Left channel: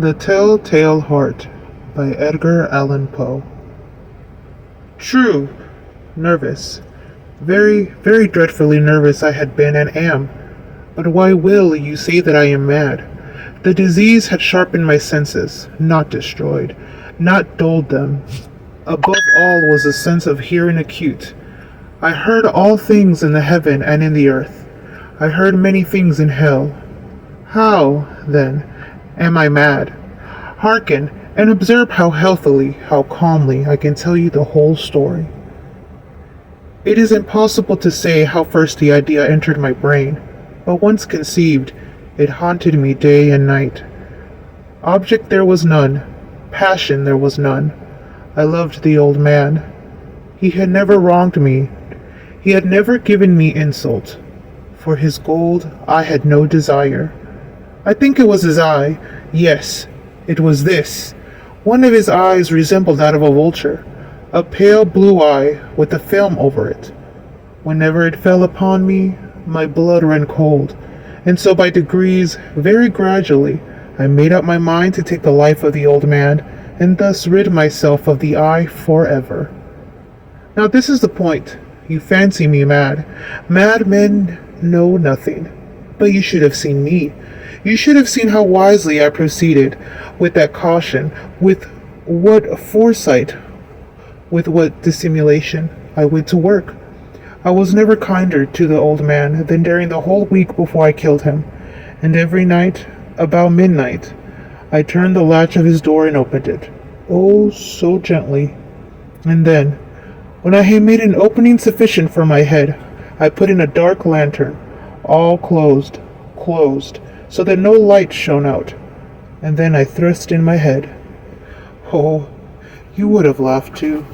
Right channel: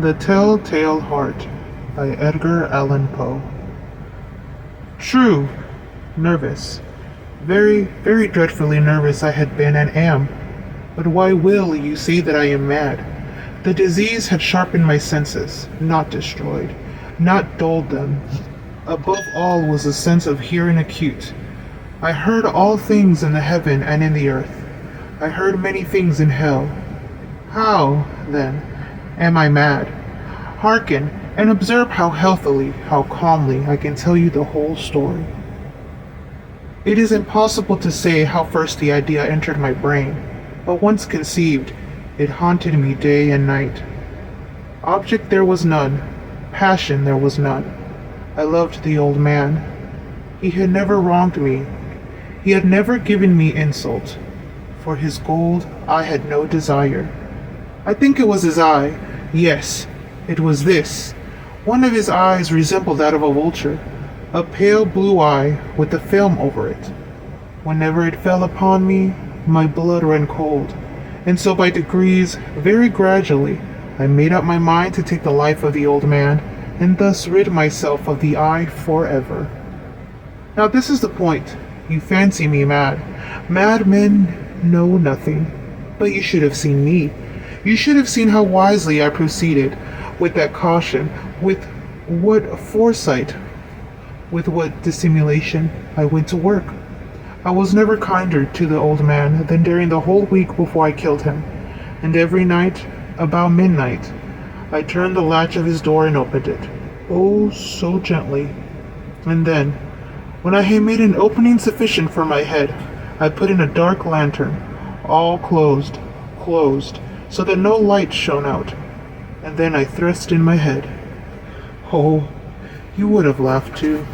The Telltale Heart by Edgar Allan Poe. True, nervous. Very, very dreadfully nervous I had been and am. But why will you say that I am mad? The disease had sharpened my senses, not destroyed, not dulled them. Above all was a sense of hearing acute. I heard all things in the heaven and in the earth. I heard many things in hell. How, then, am I mad? Hearken, and observe how healthily, how calmly I can tell you the whole story. It is impossible to say how first the idea entered my brain, but once conceived, it haunted me day and night. Object there was none, passion there was none. I loved the old man. He had never wronged me. He had never given me insult. For his gold I had no desire. I think it was his eye. Yes, it was this. One of his eyes resembled that of a vulture, a pale blue eye with a film over it. Whenever it fell upon me, my blood ran cold, and so by degrees, very gradually, I made up my mind to take the life of the old man, and thus rid myself of the eye forever. Now this is the point. You fancy me mad. Madmen know nothing. But you should have seen me. You should have seen how wisely I proceeded, with that caution, with what foresight, with what dissimulation I went to work. I was never kinder to the old man than during the whole week before I killed him, and every night, about midnight, I turned the latch of his door and opened it. Oh, so gently. And then, when I had made an opening sufficient for my head, I put in a dark lantern, all closed, so that no light shone out. And then I thrust in my head. Oh, you would have laughed too.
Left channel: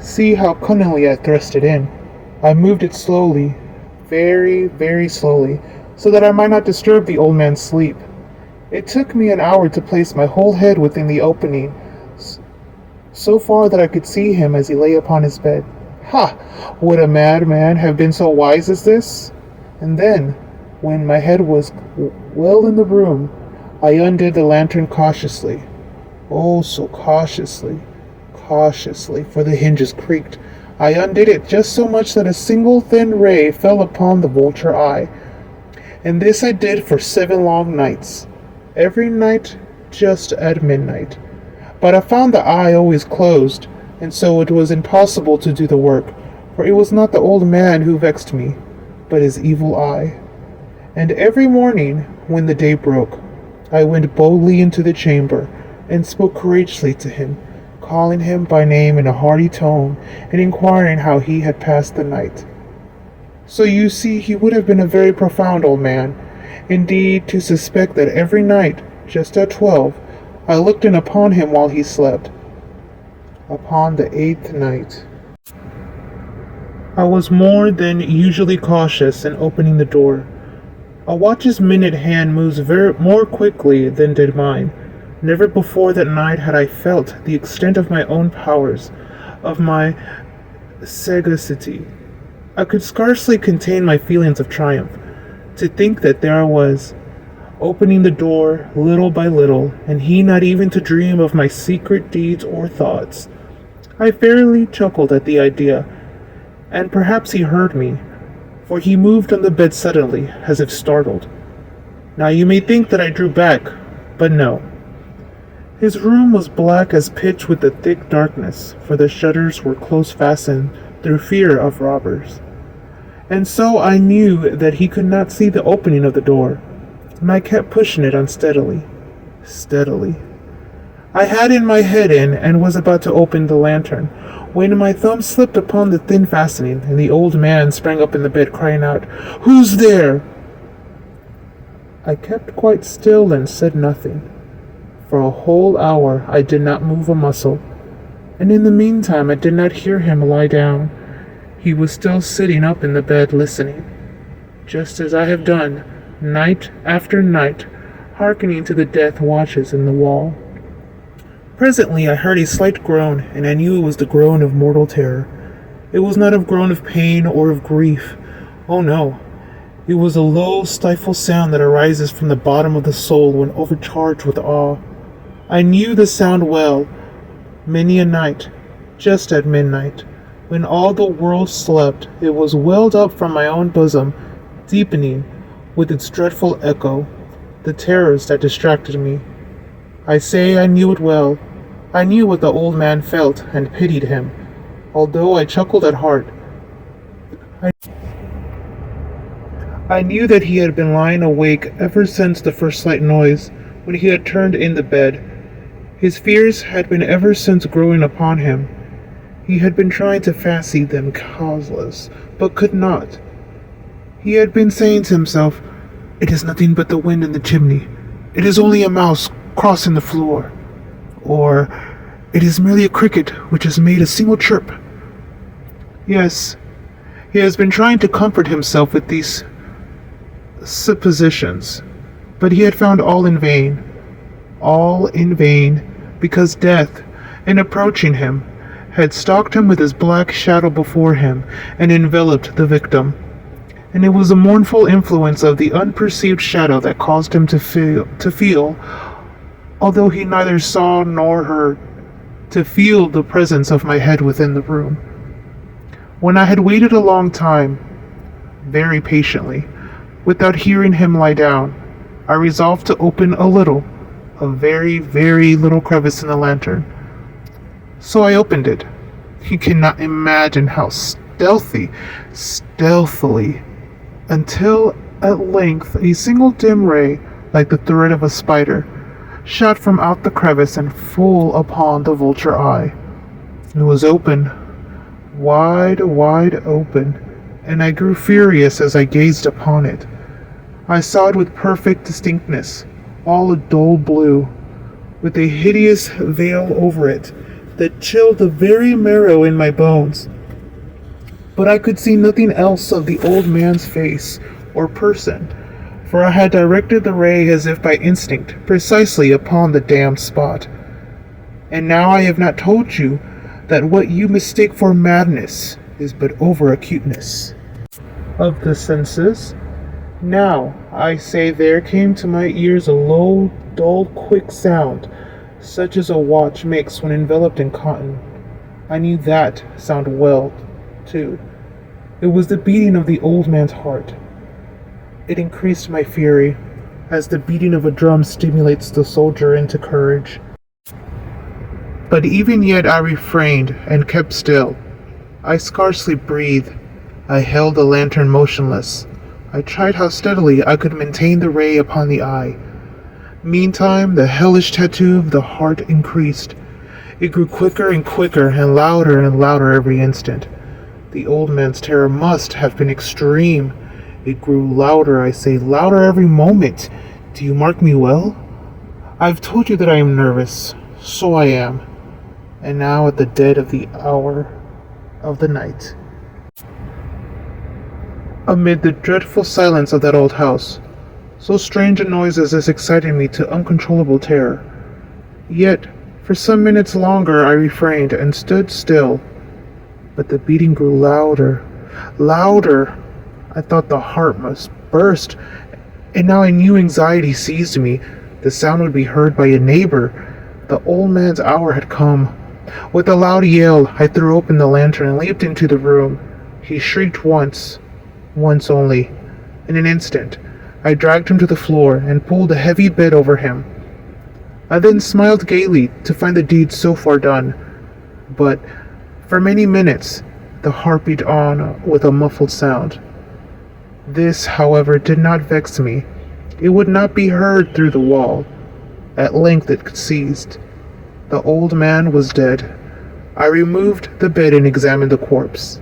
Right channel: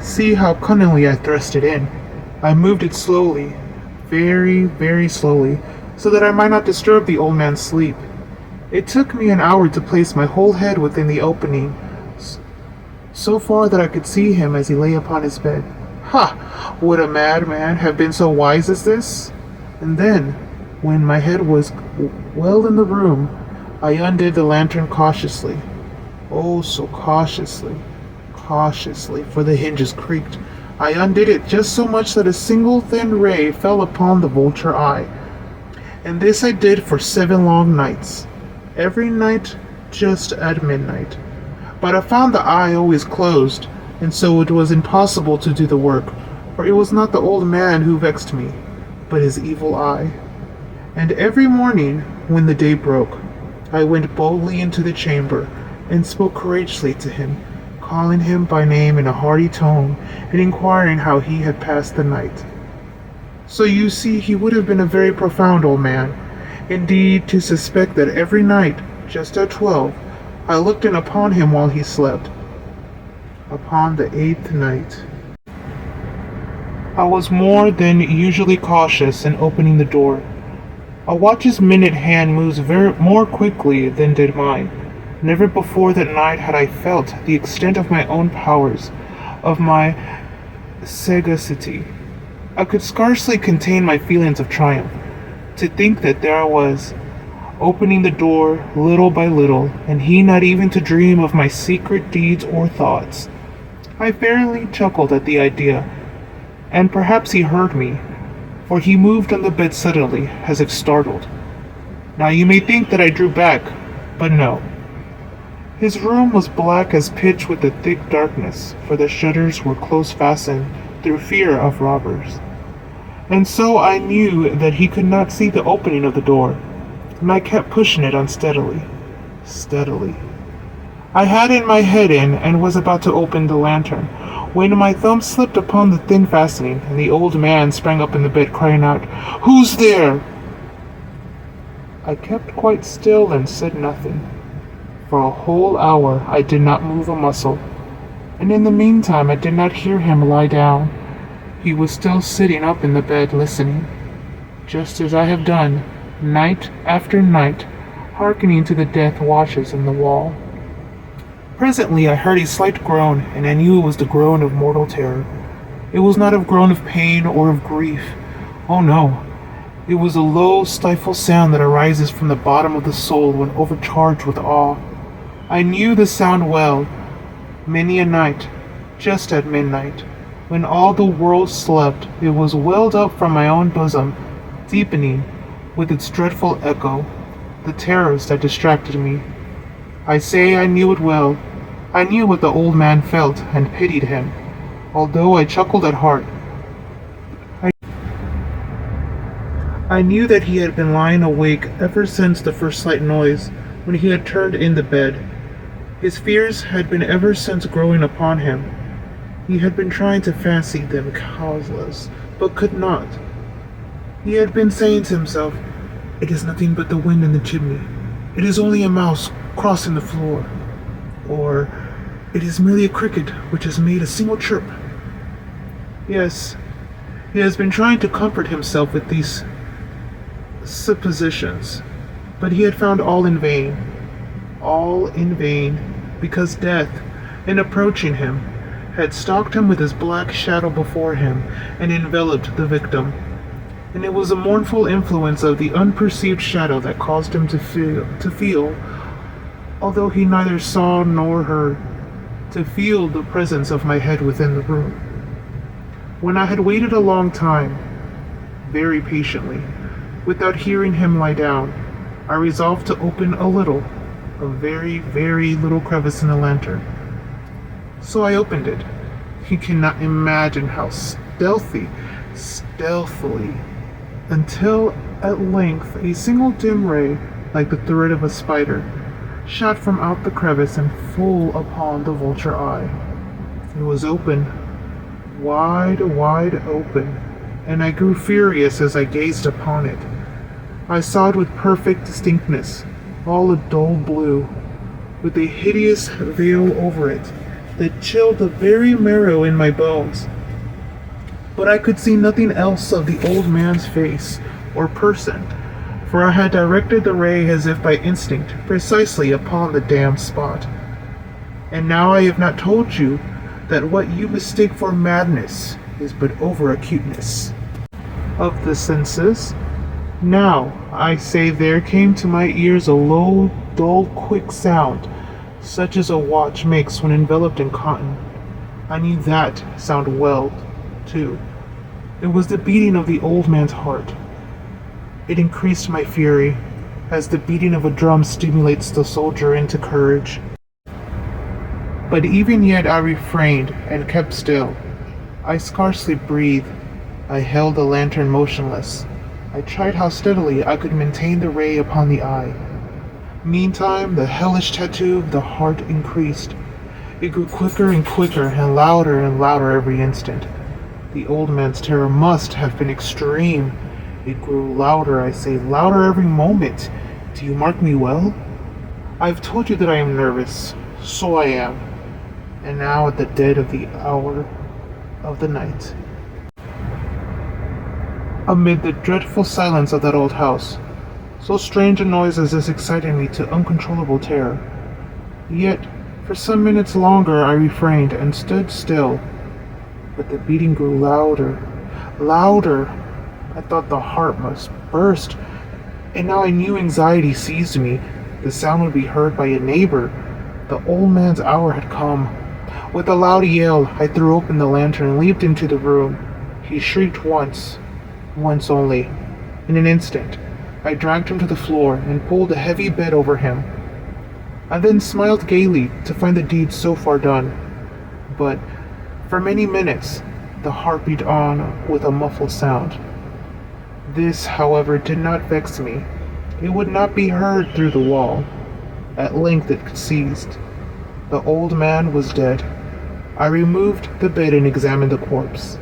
See how cunningly I thrust it in. I moved it slowly, very, very slowly, so that I might not disturb the old man's sleep. It took me an hour to place my whole head within the opening, so far that I could see him as he lay upon his bed. Ha! Would a madman have been so wise as this? And then, when my head was well in the room, I undid the lantern cautiously. Oh, so cautiously, for the hinges creaked. I undid it just so much that a single thin ray fell upon the vulture eye. And this I did for 7 long nights, every night just at midnight. But I found the eye always closed, and so it was impossible to do the work, for it was not the old man who vexed me, but his evil eye. And every morning, when the day broke, I went boldly into the chamber, and spoke courageously to him, calling him by name in a hearty tone, and inquiring how he had passed the night. So you see he would have been a very profound old man, indeed, to suspect that every night, just at 12, I looked in upon him while he slept. Upon the 8th night, I was more than usually cautious in opening the door. A watch's minute hand moves more quickly than did mine. Never before that night had I felt the extent of my own powers, of my sagacity. I could scarcely contain my feelings of triumph. To think that there I was, opening the door little by little, and he not even to dream of my secret deeds or thoughts. I fairly chuckled at the idea, and perhaps he heard me, for he moved on the bed suddenly, as if startled. Now you may think that I drew back, but no. His room was black as pitch with a thick darkness, for the shutters were close fastened through fear of robbers. And so I knew that he could not see the opening of the door, and I kept pushing it unsteadily, steadily. I had in my head in and was about to open the lantern, when my thumb slipped upon the thin fastening, and the old man sprang up in the bed, crying out, "Who's there?" I kept quite still and said nothing. For a whole hour I did not move a muscle, and in the meantime I did not hear him lie down. He was still sitting up in the bed listening, just as I have done, night after night, hearkening to the death watches in the wall. Presently I heard a slight groan, and I knew it was the groan of mortal terror. It was not a groan of pain or of grief. Oh no, It was a low, stifled sound that arises from the bottom of the soul when overcharged with awe. I knew the sound well. Many a night, just at midnight, when all the world slept, it was welled up from my own bosom, deepening with its dreadful echo the terrors that distracted me. I say I knew it well. I knew what the old man felt and pitied him, although I chuckled at heart. I knew that he had been lying awake ever since the first slight noise, when he had turned in the bed. His fears had been ever since growing upon him. He had been trying to fancy them causeless, but could not. He had been saying to himself, "It is nothing but the wind in the chimney. It is only a mouse crossing the floor." Or, "It is merely a cricket which has made a single chirp." Yes, he has been trying to comfort himself with these suppositions, but he had found all in vain. All in vain, because death, in approaching him, had stalked him with his black shadow before him and enveloped the victim. And it was the mournful influence of the unperceived shadow that caused him to feel, although he neither saw nor heard, to feel the presence of my head within the room. When I had waited a long time, very patiently, without hearing him lie down, I resolved to open a very, very little crevice in the lantern. So I opened it. You cannot imagine how stealthily, until at length a single dim ray, like the thread of a spider, shot from out the crevice and full upon the vulture eye. It was open, wide open, and I grew furious as I gazed upon it. I saw it with perfect distinctness, all a dull blue, with a hideous veil over it that chilled the very marrow in my bones. But I could see nothing else of the old man's face or person, for I had directed the ray as if by instinct precisely upon the damned spot. And now I have not told you that what you mistake for madness is but over-acuteness of the senses. Now, I say, there came to my ears a low, dull, quick sound, such as a watch makes when enveloped in cotton. I knew that sound well, too. It was the beating of the old man's heart. It increased my fury, as the beating of a drum stimulates the soldier into courage. But even yet I refrained and kept still. I scarcely breathed. I held the lantern motionless. I tried how steadily I could maintain the ray upon the eye. Meantime, the hellish tattoo of the heart increased. It grew quicker and quicker and louder every instant. The old man's terror must have been extreme. It grew louder, I say, louder every moment. Do you mark me well? I've told you that I am nervous. So I am. And now at the dead of the hour of the night, amid the dreadful silence of that old house, so strange a noise as this excited me to uncontrollable terror. Yet, for some minutes longer I refrained and stood still. But the beating grew louder. I thought the heart must burst, and now a new anxiety seized me. The sound would be heard by a neighbor. The old man's hour had come. With a loud yell, I threw open the lantern and leaped into the room. He shrieked once only. In an instant, I dragged him to the floor and pulled a heavy bed over him. I then smiled gaily to find the deed so far done. But for many minutes, the heart beat on with a muffled sound. This, however, did not vex me. It would not be heard through the wall. At length it ceased. The old man was dead. I removed the bed and examined the corpse.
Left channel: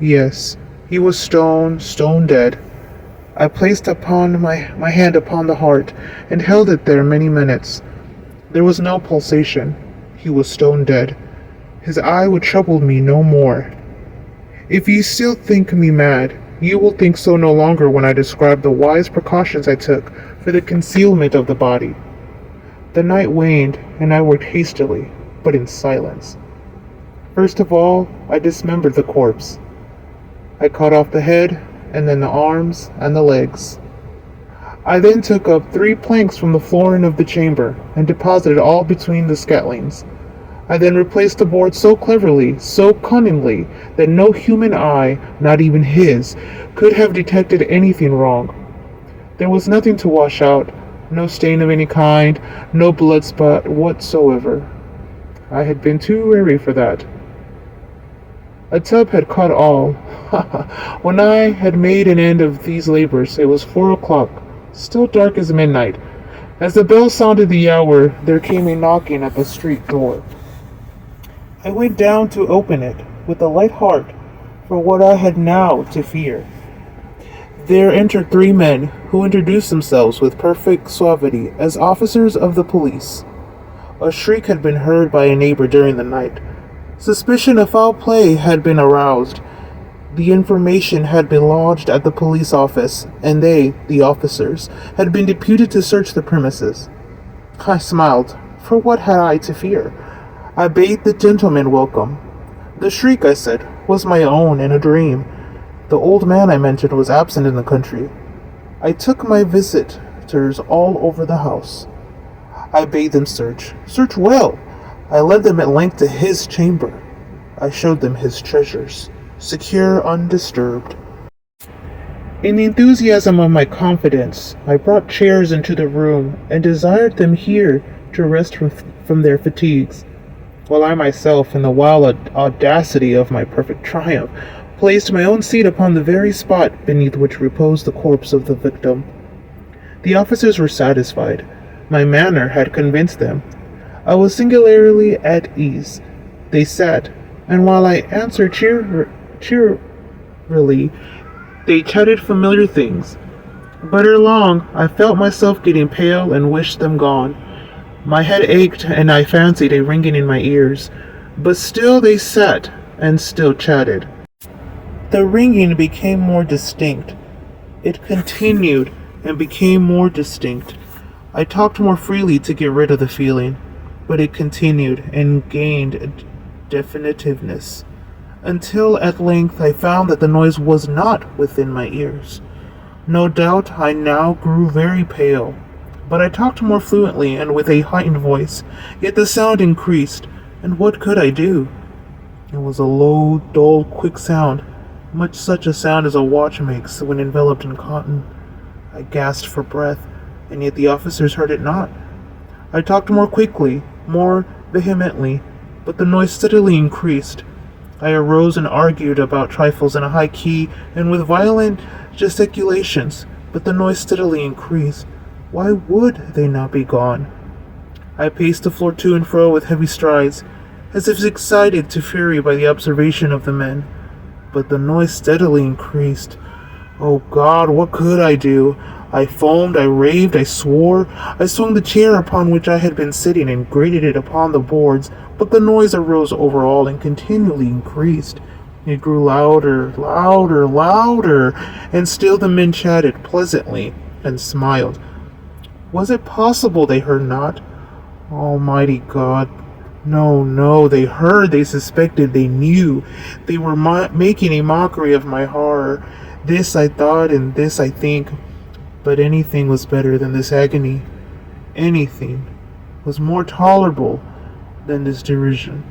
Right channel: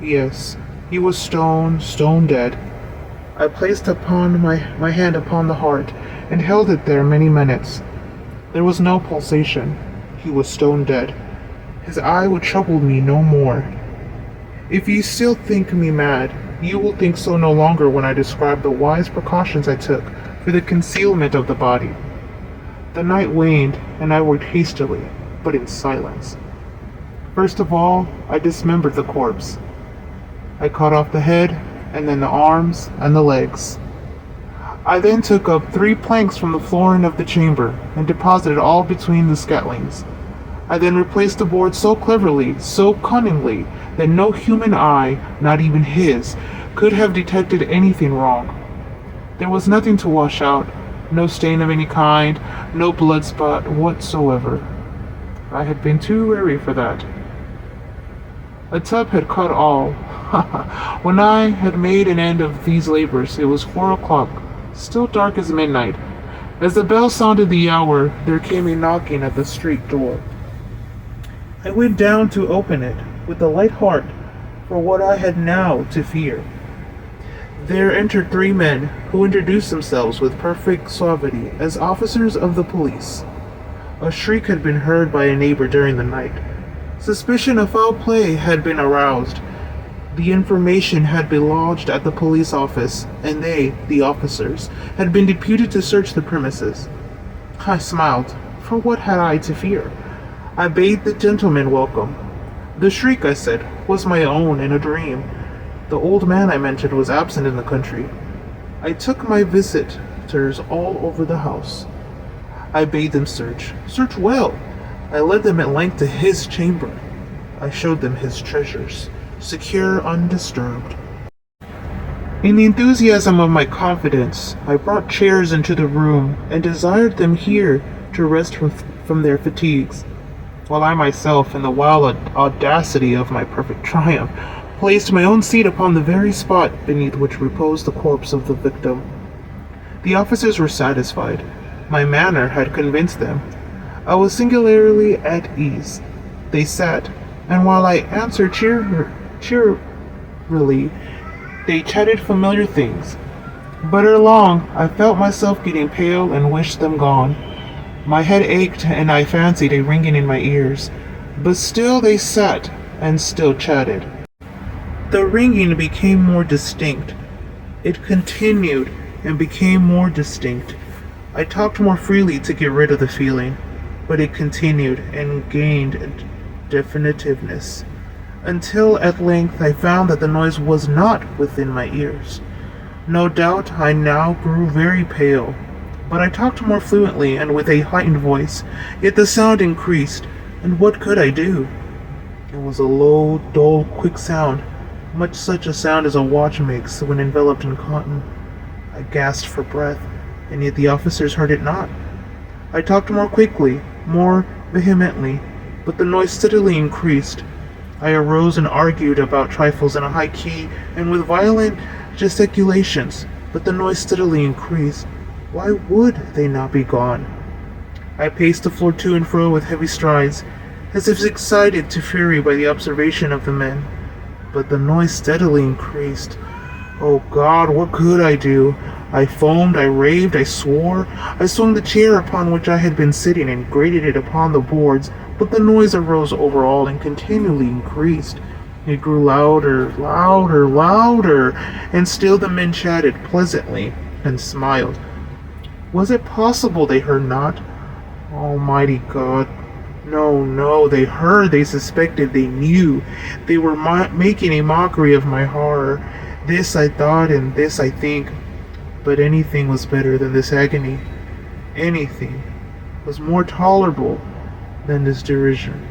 Yes, he was stone dead. I placed upon my hand upon the heart and held it there many minutes. There was no pulsation. He was stone dead. His eye would trouble me no more. If you still think me mad, you will think so no longer when I describe the wise precautions I took for the concealment of the body. The night waned, and I worked hastily, but in silence. First of all, I dismembered the corpse. I cut off the head and then the arms and the legs. I then took up 3 planks from the flooring of the chamber and deposited all between the scatlings. I then replaced the board so cleverly, so cunningly, that no human eye, not even his, could have detected anything wrong. There was nothing to wash out, no stain of any kind, no blood spot whatsoever. I had been too wary for that. A tub had caught all. When I had made an end of these labors, it was 4 o'clock, still dark as midnight. As the bell sounded the hour, there came a knocking at the street door. I went down to open it with a light heart for what I had now to fear. There entered 3 men who introduced themselves with perfect suavity as officers of the police. A shriek had been heard by a neighbor during the night. Suspicion of foul play had been aroused. The information had been lodged at the police office, and they, the officers, had been deputed to search the premises. I smiled, for what had I to fear? I bade the gentleman welcome. The shriek, I said, was my own in a dream. The old man I mentioned was absent in the country. I took my visitors all over the house. I bade them search well. I led them at length to his chamber. I showed them his treasures, secure, undisturbed. In the enthusiasm of my confidence, I brought chairs into the room and desired them here to rest from their fatigues, while I myself, in the wild audacity of my perfect triumph, placed my own seat upon the very spot beneath which reposed the corpse of the victim. The officers were satisfied. My manner had convinced them. I was singularly at ease. They sat, and while I answered cheerily, they chatted familiar things. But ere long, I felt myself getting pale and wished them gone. My head ached, and I fancied a ringing in my ears. But still they sat, and still chatted. The ringing became more distinct. It continued, and became more distinct. I talked more freely to get rid of the feeling, but it continued, and gained definitiveness, until at length I found that the noise was not within my ears. No doubt I now grew very pale, but I talked more fluently and with a heightened voice, yet the sound increased, and what could I do? It was a low, dull, quick sound, much such a sound as a watch makes when enveloped in cotton. I gasped for breath, and yet the officers heard it not. I talked more quickly, more vehemently, but the noise steadily increased. I arose and argued about trifles in a high key and with violent gesticulations, but the noise steadily increased. Why would they not be gone? I paced the floor to and fro with heavy strides, as if excited to fury by the observation of the men, but the noise steadily increased. Oh God, what could I do? I foamed, I raved, I swore. I swung the chair upon which I had been sitting and grated it upon the boards, but the noise arose over all and continually increased. It grew louder, louder, louder, and still the men chatted pleasantly and smiled. Was it possible they heard not? Almighty God! No, they heard, they suspected, they knew. They were making a mockery of my horror. This I thought, and this I think. But anything was better than this agony. Anything was more tolerable than this derision.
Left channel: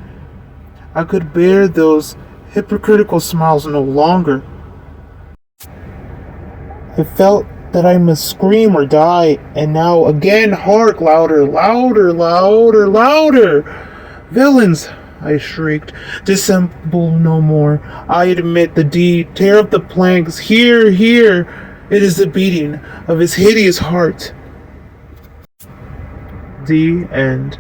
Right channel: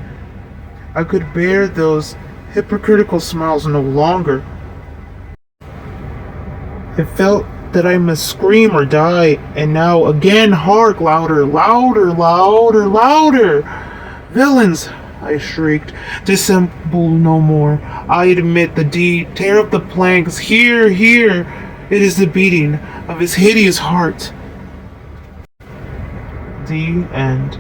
I could bear those hypocritical smiles no longer. I felt that I must scream or die, and now again hark, louder, louder, louder, louder! Villains! I shrieked. Dissemble no more. I admit the deed. Tear up the planks. Here! It is the beating of his hideous heart. The end.